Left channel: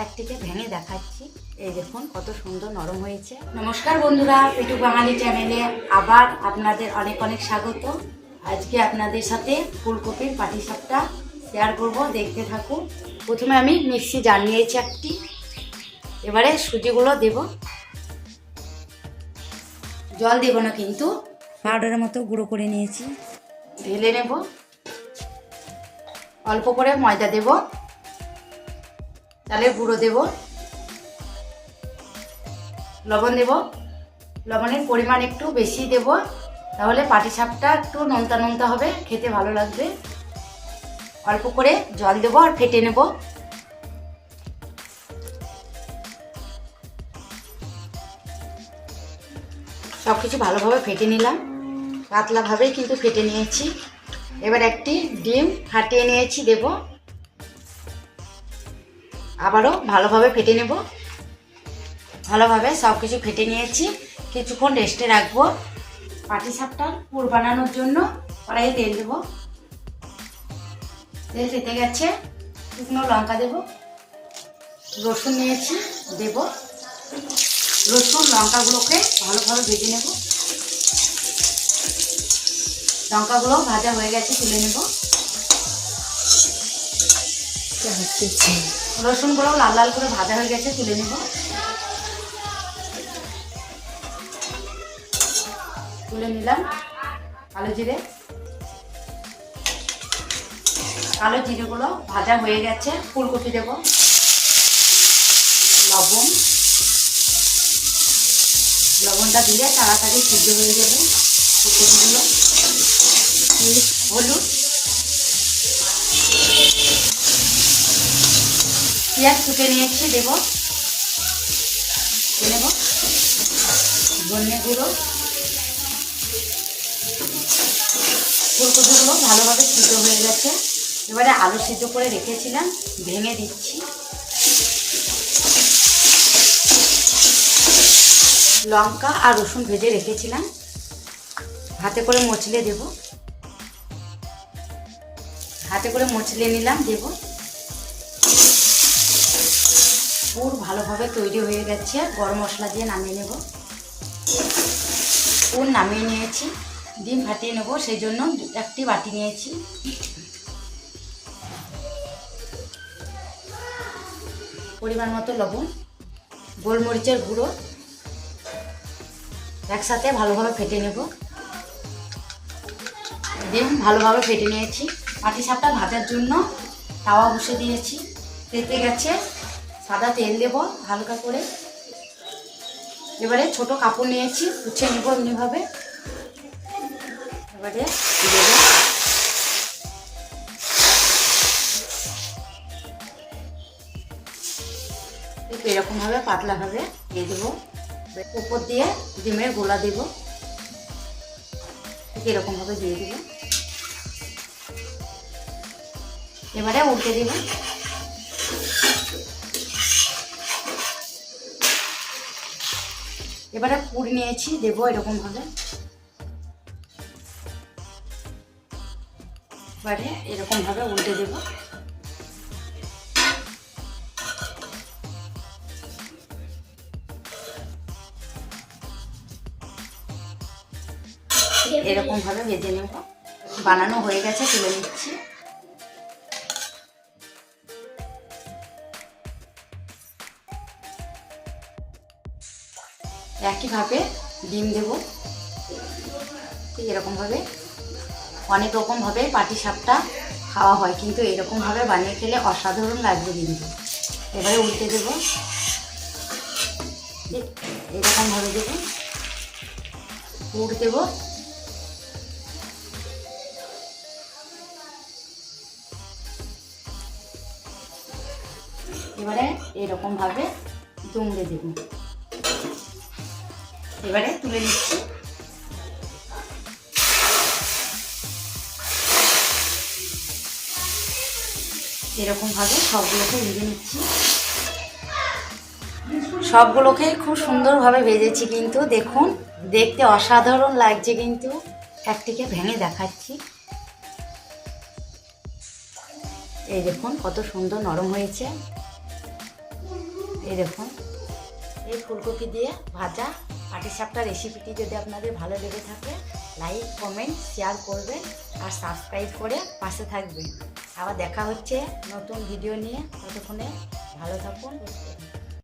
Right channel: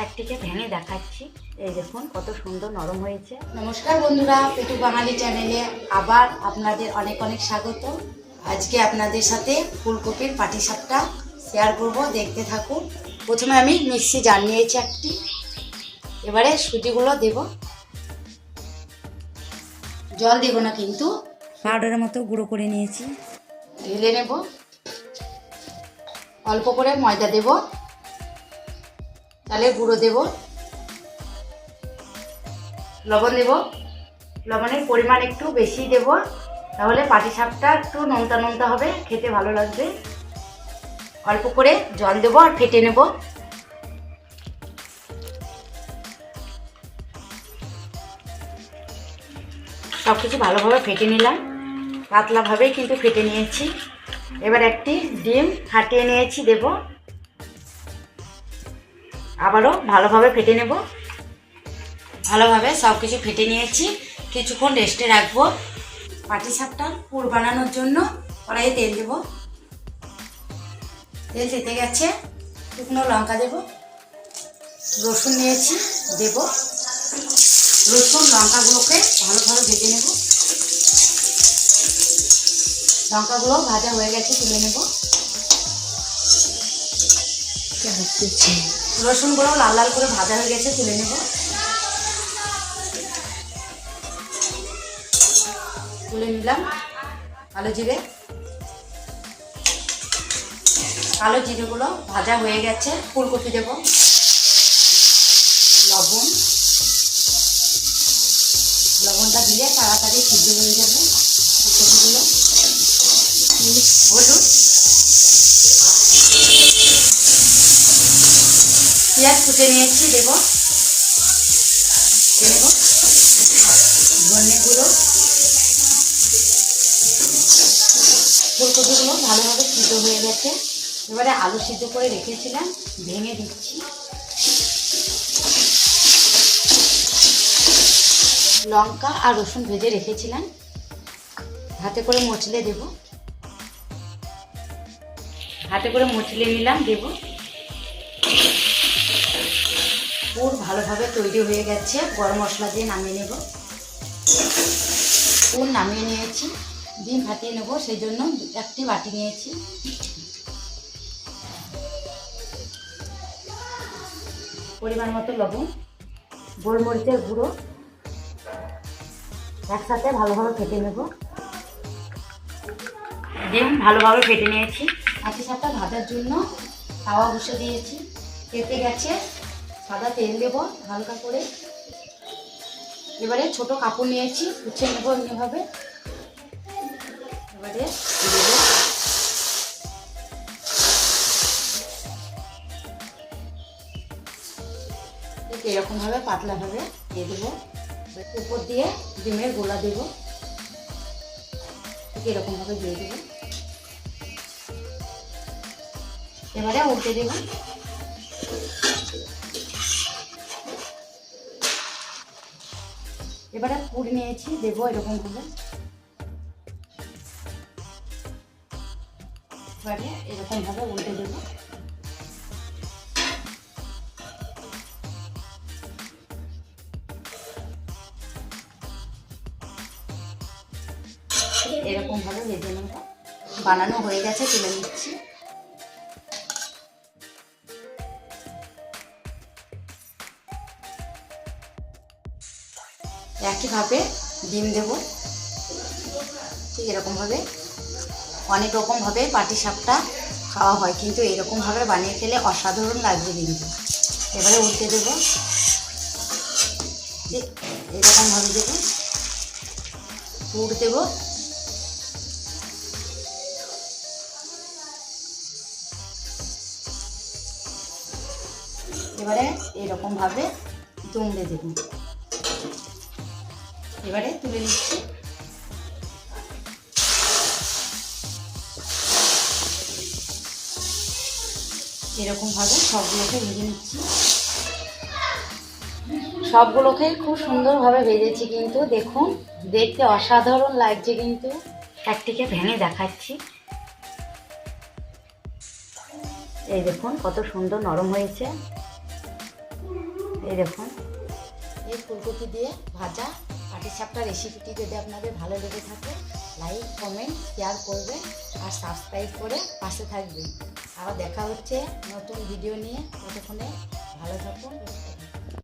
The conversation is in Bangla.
একটিকে ভেঙে দেখাচ্ছি। এই দেখুন কত সুন্দর নরম হয়েছে। নমস্কার বন্ধুরা, পেটু বাঙালি চ্যানেলে আবার আপনাদের অনেক অনেক স্বাগত। আজকে আপনাদের সাথে ফুলকপির পাটিসাপটা শেয়ার করব, দেখতে থাকুন। প্রথমে আমি মিক্সি জার নিয়েছি একটি, এবারে সুজিগুলো দেব। জল দেব না কিন্তু, পাউডারের মতো গুঁড়ো করে নিয়েছি, ঢেলে নেব। অল্প করে ময়দা দেব, চালের গুঁড়ো দেব, লবণ দেব। লবণের পরিমাণ একটু বেশি দেব, তাহলে পাটিসাপটা একটু নোনতা নোনতা হবে, খেতে ভালো লাগবে। অল্প করে জল দেব আর ফেটে নেব। সব কিছু ভালোভাবে ফেটে নিলাম, পাতলাভাবেই কিন্তু ফেটে নিয়েছি। এবার একটি ডিম ফাটিয়ে নিয়েছি, দেব। আবারও ভালোভাবে ফেটে নেব। ভালোভাবে সব কিছু ফেটে নিয়েছি, কিছুক্ষণ রেস্টে রাখবো। পাটিসাপটার পুর বানানোর জন্য কড়াইয়ে তেল দেব। তেল তেতে গেছে, শুকনো লঙ্কা দেব। রসুন নিয়েছি, দেব। রসুন লঙ্কাগুলোকে ভালোভাবে ভেজে নেব। লঙ্কাগুলো ভাজা হয়ে গেছে, তুলে নেব। রসুনগুলো লাল লাল করে ভাজা হয়ে গেছে, তুলে নেব। তুলে নিলাম। কালো জিরেগুলো ভাজা হয়ে গেছে, ফুলকপি দেব। লবণটা দিলে তাড়াতাড়ি সিদ্ধ হয়ে যাবে ফুলকপিগুলো। হলুদ, পেঁয়াজ কুটে নিয়েছি, দেব। ধনে গুঁড়ো। ফুলকপিগুলো ভালোভাবে সিদ্ধ হয়ে গেছে, এবারে আলু সিদ্ধ করে রেখেছিলাম, ভেঙে দিচ্ছি। লঙ্কা আর রসুন ভেজে রেখেছিলাম, হাতে করে মচলে দেব। হাতে করে মচলে নিলাম, দেব। পুর ভালোভাবে তৈরি হয়ে গেছে, গরম মশলা দিয়ে নামিয়ে নেব। পুর নামিয়ে নিয়েছি, ডিম ফাটিয়ে নেব, সেই জন্য একটি বাটি নিয়েছি। পরিমাণ মতো লবণ, গোলমরিচের গুঁড়ো একসাথে ভালোভাবে ফেটে নেব। ডিম ভালোভাবে ফেটে নিয়েছি। পাটিসাপটা ভাজার জন্য তাওয়া বসে দিয়েছি, তেতে গেছে। সাদা তেল দেব হালকা করে। এবারে ছোট কাপড় নিয়েছি, গুছিয়ে নেব এমনিভাবে। এবারে দেব। এরকমভাবে পাতলাভাবে দিয়ে দেবো। উপর দিয়ে ডিমের গোলা দেব, এরকমভাবে দিয়ে দেব। এবারে উল্টে দেব। এবারে পুর নিয়েছি, দেব এরকমভাবে। এবারে এরকমভাবে উল্টে দেব। এরকমভাবে ভেজে নেব। বানানো হয়ে গেছে, তুলে নিচ্ছি। একইভাবে ডিম দেব, ঠিক এরকমভাবে। অনেক রকমভাবে পাটিসাপটা খাওয়া হয়, কিন্তু এরকমভাবে বানিয়ে খেলে অসাধারণ লাগবে কিন্তু। এবারে উল্টে দেব, ঠিক এরকমভাবে দেব। পুর দেব। এবারে এরকমভাবে দুমড়ে দেব। এবারে তুলে নিচ্ছি। এরকমভাবে সবগুলোকে ভেজে নিচ্ছি। সবগুলোকেই খুব সুন্দরভাবে ভেজেছি, কিন্তু দেখুন দেখতে অসাধারণ লাগছে কিন্তু। একটিকে ভেঙে দেখাচ্ছি। এই দেখুন কত সুন্দর নরম হয়েছে। এই দেখুন, এই ফুলকপি দিয়ে ভাজা পাটিসাপটা রেসিপিটি যদি আপনাদের ভালো লেগে থাকে লাইক কমেন্ট শেয়ার করবেন আর সাবস্ক্রাইব করে পাশে থাকবেন। আবার দেখা হচ্ছে নতুন ভিডিও নিয়ে। ততক্ষণে ভালো থাকুন।